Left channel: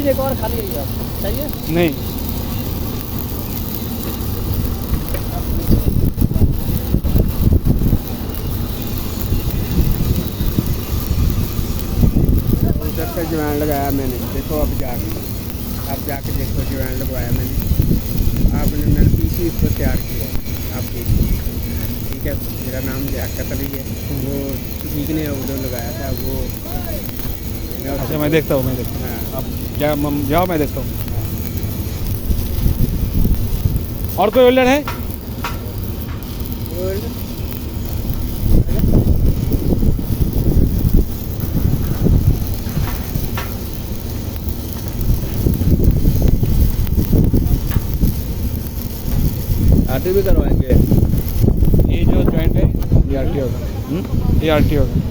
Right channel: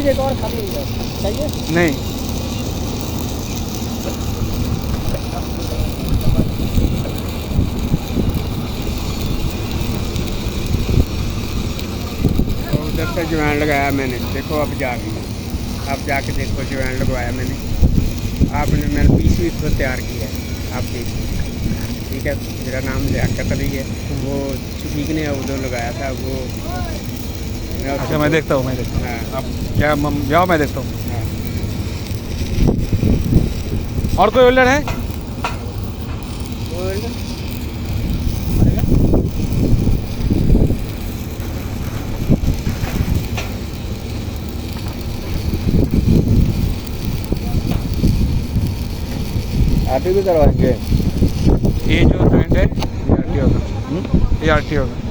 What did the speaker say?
Machine एक और खाली है चाहिए? नहीं, उधर से ज्वाइन लगाया मैंने, देखो अब जाके देखो ज्वाइन लगवाया मैंने। मैंने पीसी इसको तैयार किया है, आप देखिए। ठीक है, मेरा नाम लियाकत अली है। वो किसी ने उधर लगाया था वो। अच्छा मैं देखता हूँ हाँ। आप क्या जाओ, मैं देखता हूँ। हाँ। और कोई वेल्डर है? आरटी भी करवाएंगे। ये जो जॉइंट है ये आरटी होगा।